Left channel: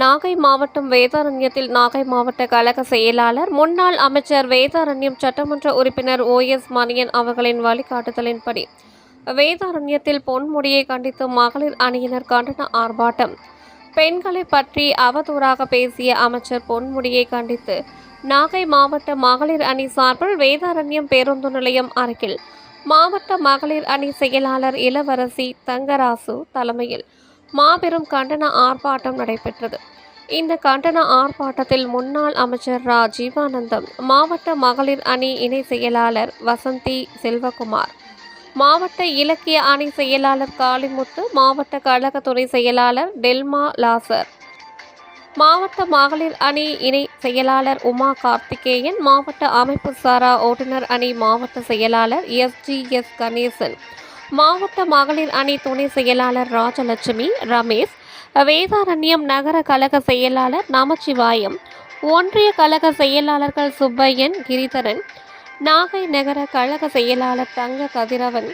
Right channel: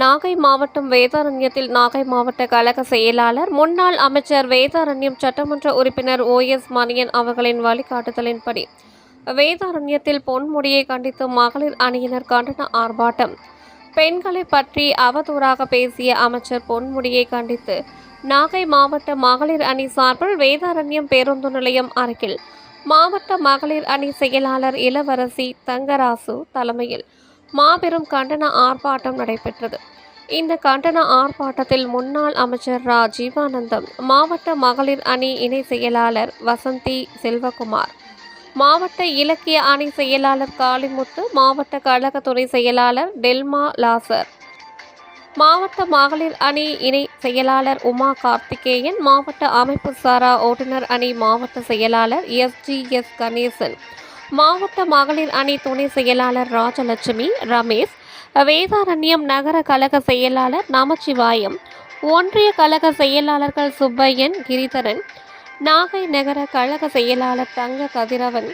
நாகை மாவட்டம் வேதாரண்யத்தில் நாகை மாவட்ட கழக செயலாளர் முன்னாள் அமைச்சர் வேதாரண்யம் சட்டமன்ற உறுப்பினர் OS மணியன் அவர்களின் வழிகாட்டுதலின்படி வேதாரண்யத்தில் பொன்முடியை கண்டித்து மகளிர் அணியினர் கண்டன ஆர்ப்பாட்டம். பெண்களை பற்றி அவதூறாக பேசிய அமைச்சர் பொன்முடியை கண்டித்து நாகை மாவட்ட மகளிர் அணி சார்பில் வேதாரண்யம் பேருந்து நிலையம் அருகில் மாவட்ட மகளிர் அணி செயலாளர் இளவரசி தங்கராசு தலைமையில் மாபெரும் கண்டன ஆர்ப்பாட்டம் நடைபெற்றது. இந்த கண்டன ஆர்ப்பாட்டத்தில் முன்னாள் அமைச்சர் ஜீவானந்தம், மாவட்ட மகளிர் அணி இணை செயலாளர் வசந்தி செல்வகுமார், மாவட்ட இலக்கிய அணி செயலாளர் காளிமுத்து, மாவட்ட கழக துணை செயலாளர் டெல்மா லாசர், மாவட்ட மகளிர் அணி இணை செயலாளர் உமா கார்த்திகேயன், மாவட்ட அமைப்பு சாரா ஓட்டுநர் அணி மாவட்ட செயலாளர் SGS கணேசன், மாவட்ட மகளிர் அணி துணை செயலாளர் ராஜலட்சுமி, ரமேஷ், வேதாரண்யம் நகர கழக செயலாளர் நமச்சிவாயம், ஒன்றிய கழக செயலாளர்கள் சுப்பையன், கிரிதரன், நாகை நகர கழக செயலாளர் தங்க கதிரவன்,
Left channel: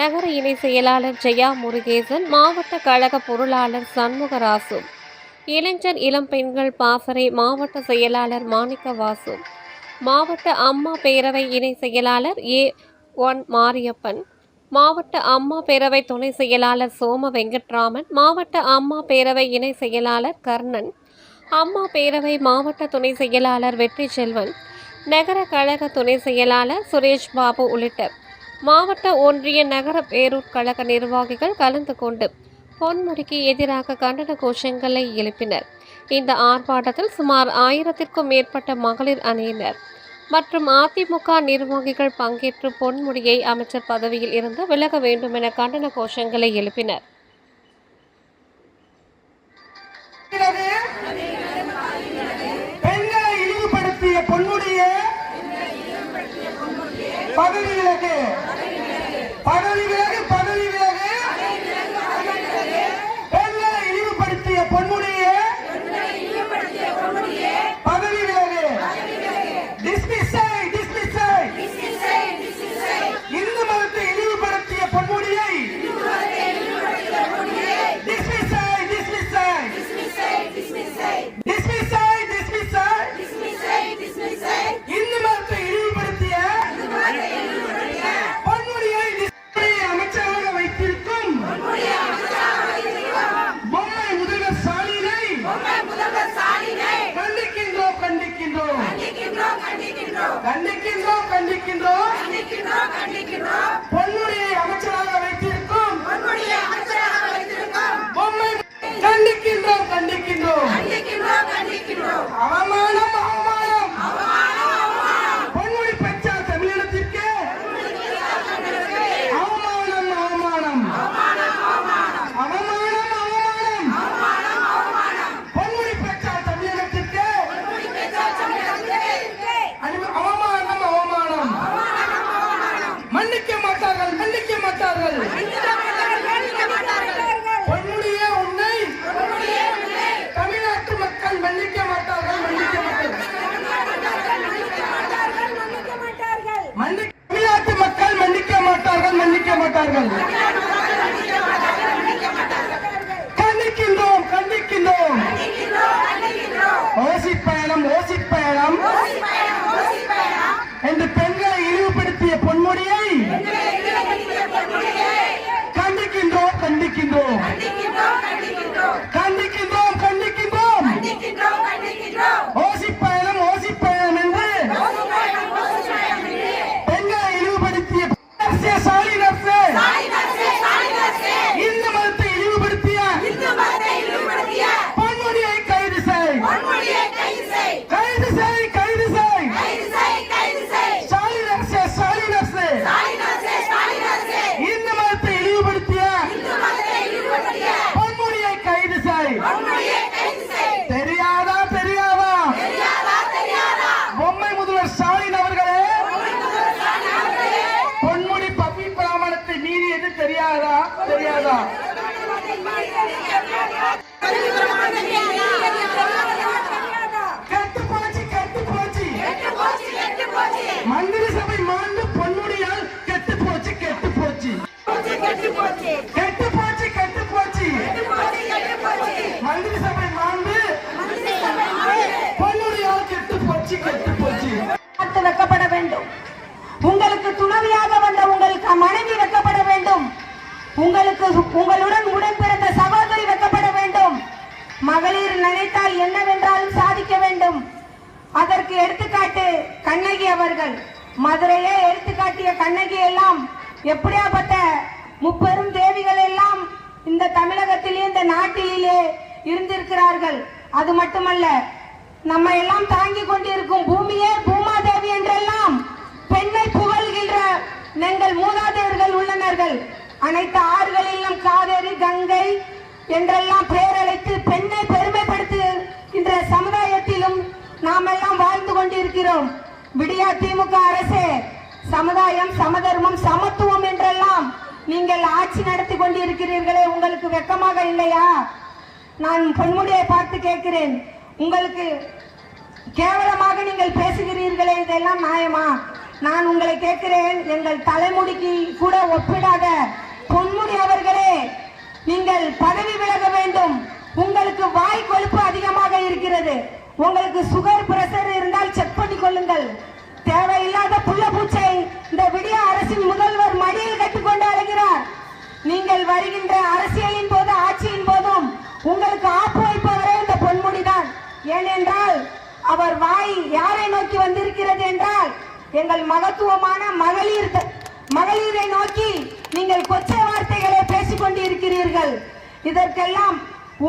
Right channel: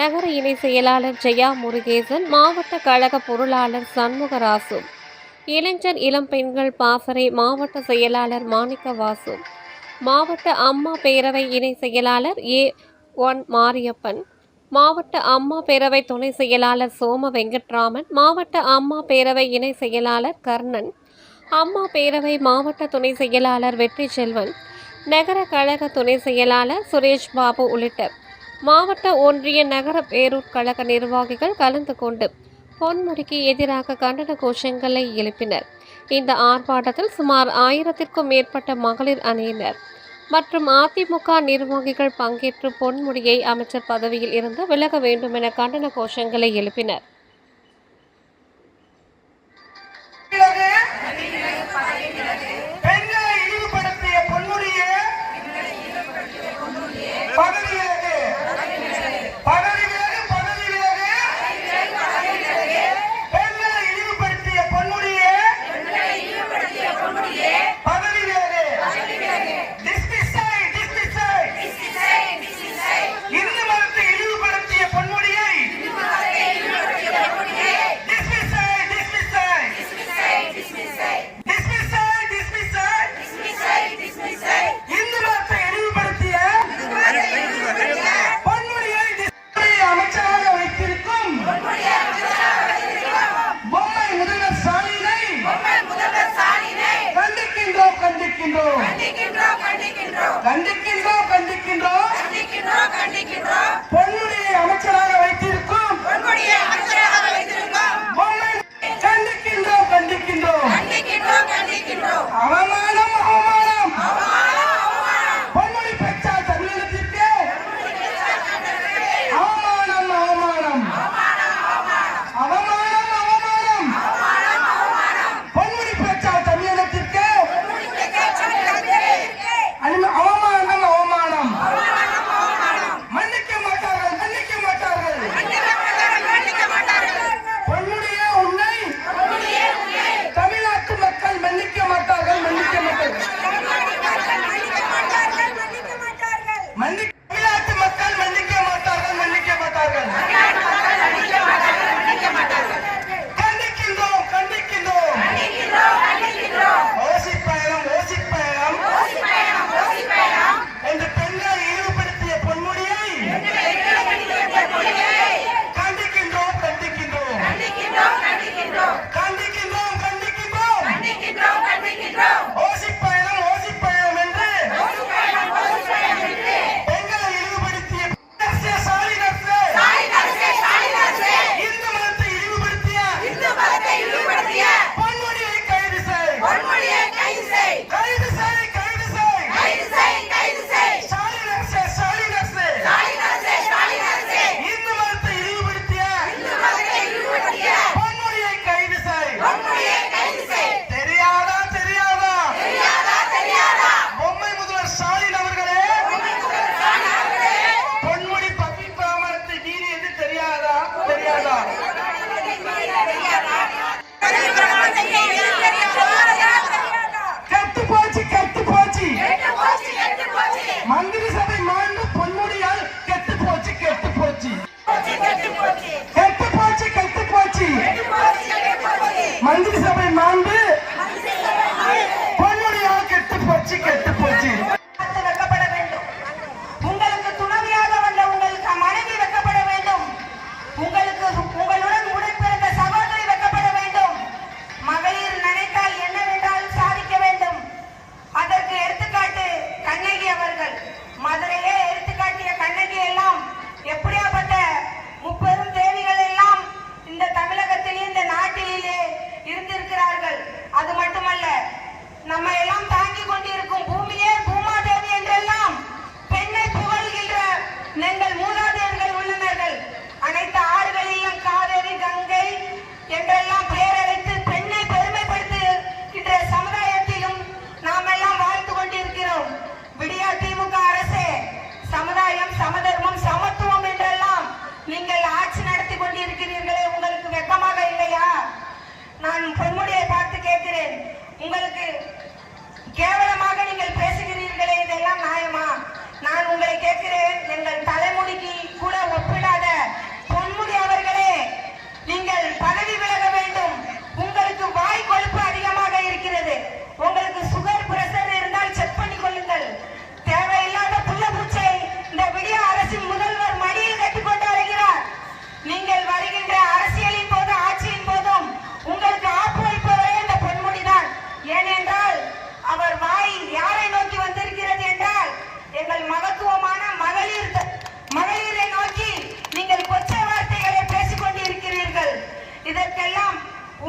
நகர இணை செயலாளர் ஜெயா முருகேசன், மாவட்ட கழக பொருளாளர் சண்முகராசு, இளைஞர் இளம் பெண்கள் பாசறை மாவட்ட செயலாளர் மாணிக்கவாசு, மாவட்ட அம்மா பேரவை இணை செயலாளர் A1 மாரியப்பன், மாவட்ட அம்மா பேரவை துணை செயலாளர் சோம வெங்கட்ராமன், மாவட்ட அம்மா பேரவை இணை செயலாளர் கர்ணன், அம்மா பேரவை மாவட்ட துணை செயலாளர் வெற்றி செல்வன், நகர கழக துணை செயலாளர் சுரேஷ் பாபு உள்ளிட்ட மாவட்ட ஒன்றிய நகர பேரூர் கழக நிர்வாகிகள் கலந்து கொண்டு பொன்முடிக்கு எதிராக கண்டன கோஷங்களை எழுப்பினர். இந்த ஆர்ப்பாட்டத்தில் சுமார் 1000க்கும் மேற்பட்ட மகளிர் அணியினர் மற்றும் அதிமுக நிர்வாகிகள் பங்கேற்று பொன்முடியை அமைச்சர் பதவியில் இருந்து விலக வேண்டும் என கண்டன கோஷங்களை எழுப்பினர். பொன்முடியை அமைச்சராக வைத்திருக்கும் கண்டிக்கின்றோம். அவமானம் பொன்முடி பெற்றா தமிழகத்திற்கு அவமானம் பொன்முடி பெற்றா தமிழகத்திற்கு அவமானம் மன்னிக்க மாட்டார்கள். பொன்முடியே உன்னை தமிழ் மதுரையே எடுத்துக்காட்டிய கண்ணகி எல்லாம் எப்படியாப்பட்ட முப்பெரும் தேவிகள் எல்லாம் இந்த தமிழகத்திலே இந்த நாட்டிலே இருந்திருக்கிறார்கள். அது மட்டுமல்ல, நம்ம எல்லாம் தாங்கிக் கொண்டிருக்கும் பூமியே பூமாதேவி என்றெல்லாம் பெண்ணை புகழ்கின்ற எங்கள் மூதாதையர்கள் உள்ளனர்கள். அனைத்து ஆறுகளிலும் காவேரி, கங்கை என்றெல்லாம் பெயரழைத்து பெண்ணை பெருமைப்படுத்துகின்ற சமுதாயத்திலும் நாம் எல்லாம் வாழ்ந்து கொண்டிருக்கிறோம். விடியா திமுக அரசே, சமுதாயம், சமதர்மம், சமத்துவம் என்றெல்லாம் நீங்கள் ஆட்சி நடத்தி கொண்டிருக்கிறீர்களே, உங்களுக்கு வெட்கமாக இல்லையா? நான் பொன்முடியை பார்த்து கேட்கிறேன், உங்களுக்கு கேவலமாக நீங்கள் பேசுகிறீர்களே, இதெல்லாம் நியாயமா? நான் உங்களை கேட்கிறேன், எங்கள் தலைமுடிக்கு கூட ஒப்பிடாத பொன்முடி அவர்களே, நீங்கள் பதவி விலக வேண்டும். உங்களுக்கு வாய் கொழுப்பு அதிகமாக இருக்கிறது. உங்களுக்கு சுகர், பிரஷர் இருந்தால் செக் பண்ணிக் கொள்ளுங்கள். தேவையில்லாத புள்ள பூச்சை இந்த விடிய அரசின் முதல்வர் மடியில் கட்டிக்கொண்டு வருகிறார். நீங்கள் வருகின்ற அரசியலின் போது, ஆட்சியின் போதும் உங்களுக்கு ஆப்பு வைப்பவரே இந்த பொன்முடிதான். ஏனென்றால் அவர் வாய் யாரை நோக்கி வந்திருக்கிறது என்றால் எங்கள் மகத்துவமான மகளிரை நோக்கி நீங்கள் கொச்சை வார்த்தைகளை பேசிக் கொண்டிருக்கிறீர்கள். இதற்கெல்லாம்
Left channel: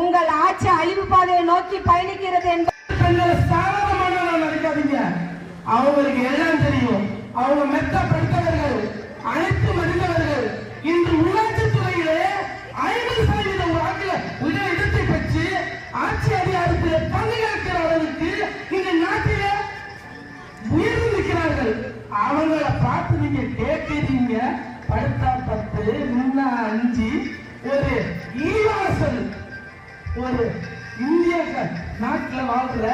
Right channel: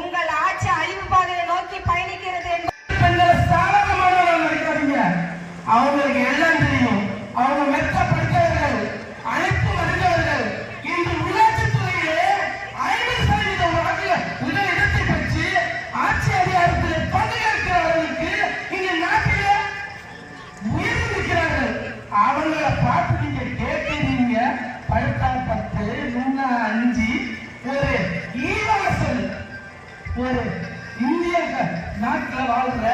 உங்கள் ஆட்சி அழிவு பாதையை நோக்கி பயணிக்கிறது என்று அவங்களுக்கு எல்லாம் தெரியும். அவங்க மெத்த படித்தவர்கள், அனைத்து அறிந்தவர்கள். இன்று உள்ளாட்சி துறையிலே 50% வாக்கு முதலிடத்தை பெற்று ஆட்சி அதிகாரத்தில் பங்குயேற்கிறவர்களுக்கு இந்த நாட்டிலே உயர்ந்து நிற்கிறார்கள். அவங்களை பார்த்து நீங்க கேட்கிறீங்க, படுத்தால் 10, நுண்ணா 5, ஒரு ஈவாசல், ஒரு இந்திய நாட்டில் வாழ்ற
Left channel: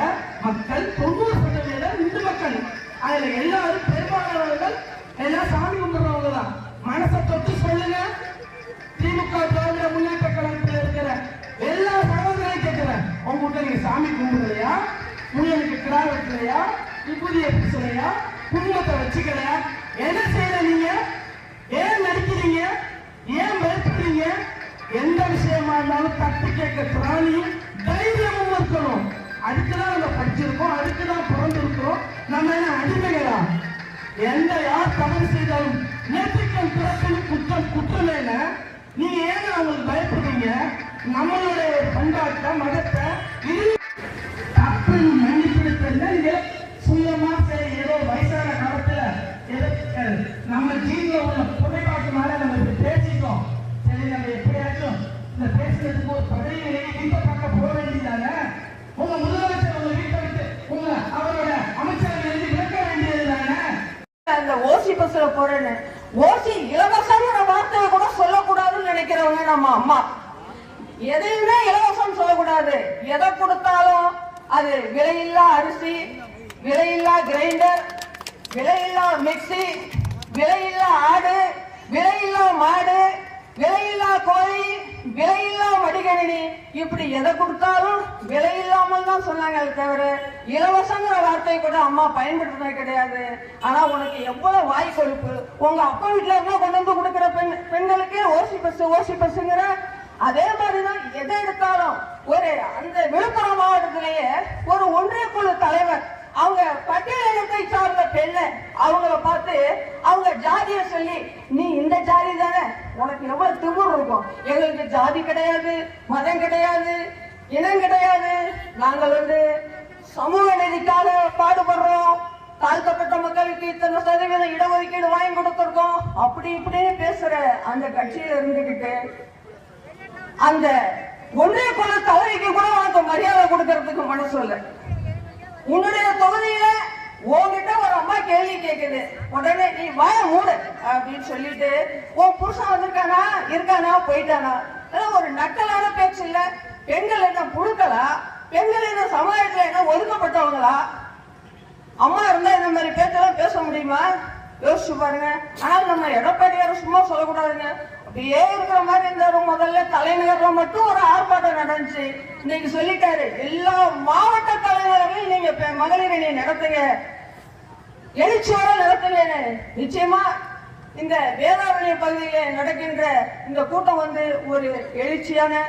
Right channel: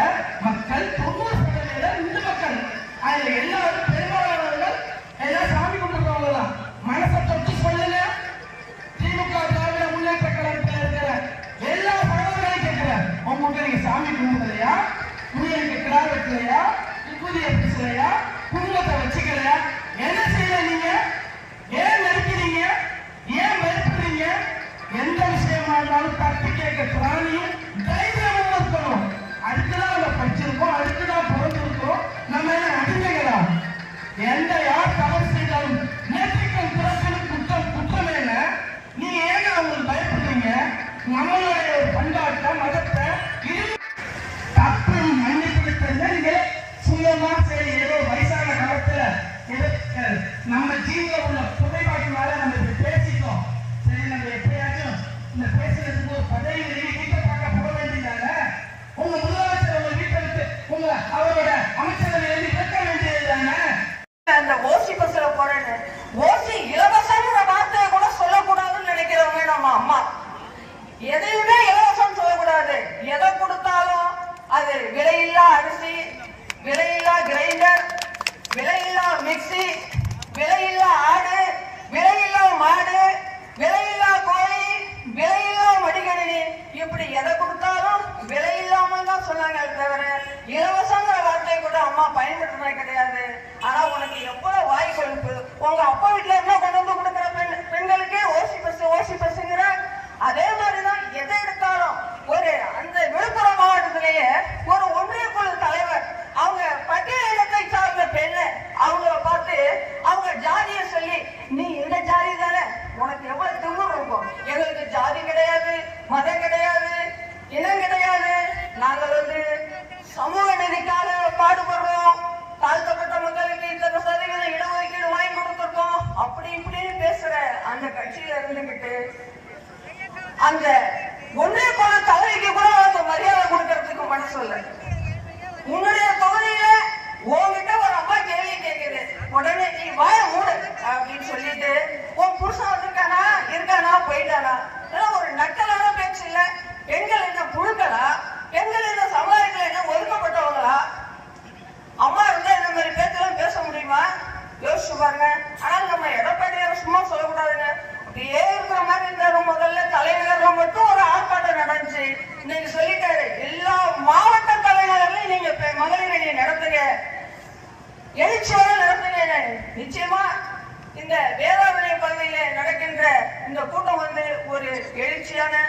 மக்கள் 90% இந்து மக்கள். அதுல எல்லாரும் பெரும்பாலானவர்கள் எல்லாம் சாமி கும்பிடுறவங்க தான். மனசை தொட்டு சொல்லுங்க. திமுக திராவிட முன்னேற்ற கழகத்தில் இருக்கிற எல்லா சகோதரர்களையும் கேட்கிறேன், உங்களுக்கு நீங்க சாமி கும்பிடுறதையா, உங்களுக்கு கிராம வைக்கலையா, விபூதியை பூசலையா, குடும்பத்தை வச்சுக்கலையா, என்ன செய்யற நீங்க? ஏன் நடிக்கிறீங்க? ஏன் வெறுக்கிறீங்க? எந்த விஷயமா இருந்தாலும் தப்பு கேட்க பிராணி தைரியமும் இருக்கணும். அதுக்குதான் நம்ம படிச்சிருக்கோம், அதுக்குதான் பிறந்திருக்கிறோம். நம்ம அடிமைகளா? எந்த யார் தவறு செய்தாலும் நேற்றுக்கள் பிறப்பின் குற்றம் என்ன? நீங்க ஏன் அவங்களுக்கு பயப்படுறீங்க? நம்மளுடைய கொண்டாட்ட மதத்தை தப்பு மன்னிப்பு தெரிஞ்ச சுயமா சரி, ஏதோ வயசான காலத்துல நம்ம ஜீவில உள்ள புகைப்பாட்டுனால நம்ம பேசிட்டோம். சரி, நம்ம எப்படியாச்சும் இந்த பேசுறதுக்கு ஒரு பதவி நீங்க பார்க்க போக வேண்டியதானே? உங்க முதலமைச்சர் உங்க வீட்டை இருந்து உங்க அவரோட அமைச்சரவை இருக்க வேண்டியது தானே? அந்த ஓசி பஸ்ல போறேன்னு ஓசி இலவசங்கிற வார்த்தையை கூட சொல்லக்கூடாதுன்னு நினைக்கிறவங்க நம்ம அம்மா. எதையுமே இலவசம் சொல்லக்கூடாது. எதை கொடுத்தாலும் அது விலையில்லா அரிசி, விலையில்லா கிரைண்டர், விலையில்லா மிக்சி, விலையில்லா ஆடு, விலையில்லா மாடு, விலையில்லா கோழி, விலையில்லா மடிகணினி, இப்படி எதை கொடுத்தாலும் விலை இல்லாமல் தான் சொன்னாங்க. தவிர இலவசங்கிற வார்த்தை கூட அம்மா பயன்படுத்தினது கிடையாது. ஆனா உனக்கு எவ்வளவு வாய் கொழுப்பு! உங்க அப்பா வீட்டுல என்ன கொண்டு வந்து கொடுக்கிற பெண்களுக்கே ஓசி பஸ்ங்கிற. அதே மாதிரிதான் எதை எடுத்தாலும் ஒரு அந்த விழுப்புரம் மாவட்டத்திலேயே ஒரு ஒன்றிய குழு தலைவர், அவங்க பட்டியலினத்தை சார்ந்த பெண்ணு, அவங்கள பார்த்து அவங்க ஜாதியை சொல்லி, நீ இந்த ஜாதி தானே, உனக்கு எவ்வளவு திமிரு இருக்கும்? எங்களுக்கு ஜாதி கிடையாது, மதம் கிடையாது, இனம் கிடையாது, நாங்கள் சமூக நீதிக்காக பாடுபடுறோம், தாழ்த்தப்பட்ட மக்களுக்கு இத்தனை சதவீதம் இடஒதுக்கீடு வாங்கி கொடுத்திருக்கோம், அப்படி இப்படின்னு பேசுற அந்த கட்சியில இருந்துகிட்டு அந்த ஒன்றிய குழு தலைவிக்கு கூட உனக்கு மரியாதை கொடுக்கறதுக்கு மனசு இல்லை. உன்னுடைய தொகுதியில உன்கிட்ட ஒரு அம்மா கேள்வி கேட்குது, உடனே நீ வாய மூடு அப்படின்னு சொல்லிட்டு உன் புருஷன் இருக்கானா போயிட்டானா? ஒரு நக்கலான பேச்சு இல்ல. பெண்கள் என்ன புழுக்களா? பெண்கள் என்ன சமுதாயத்துல என்ன ஒதுக்கப்பட்டவங்களா? அம்மா இருந்தா இந்த மாதிரி பேச்செல்லாம் பேச முடியுமா? யோசிச்சு பாருங்க. ஆனா நம்ம எடப்பாடியார் சும்மா சொல்லக்கூடாதுங்க. அப்படியே இருக்கிற மாதிரி இருந்தாரு. முதல்ல தலைநகர்ல மட்டும் ஒரு ஆர்ப்பாட்டம் நடந்துச்சு. இன்னைக்கு சொல்லிட்டாரு, எல்லா மாவட்ட தலைநகர்லையும் நீங்க மகளிர் அணி நடத்துங்க, எழுச்சியோட நடத்துங்க. நிச்சயமா இந்த வேதாரண்ய பகுதியில நடக்கின்ற இந்த கூட்டம் ஒரு எழுச்சியான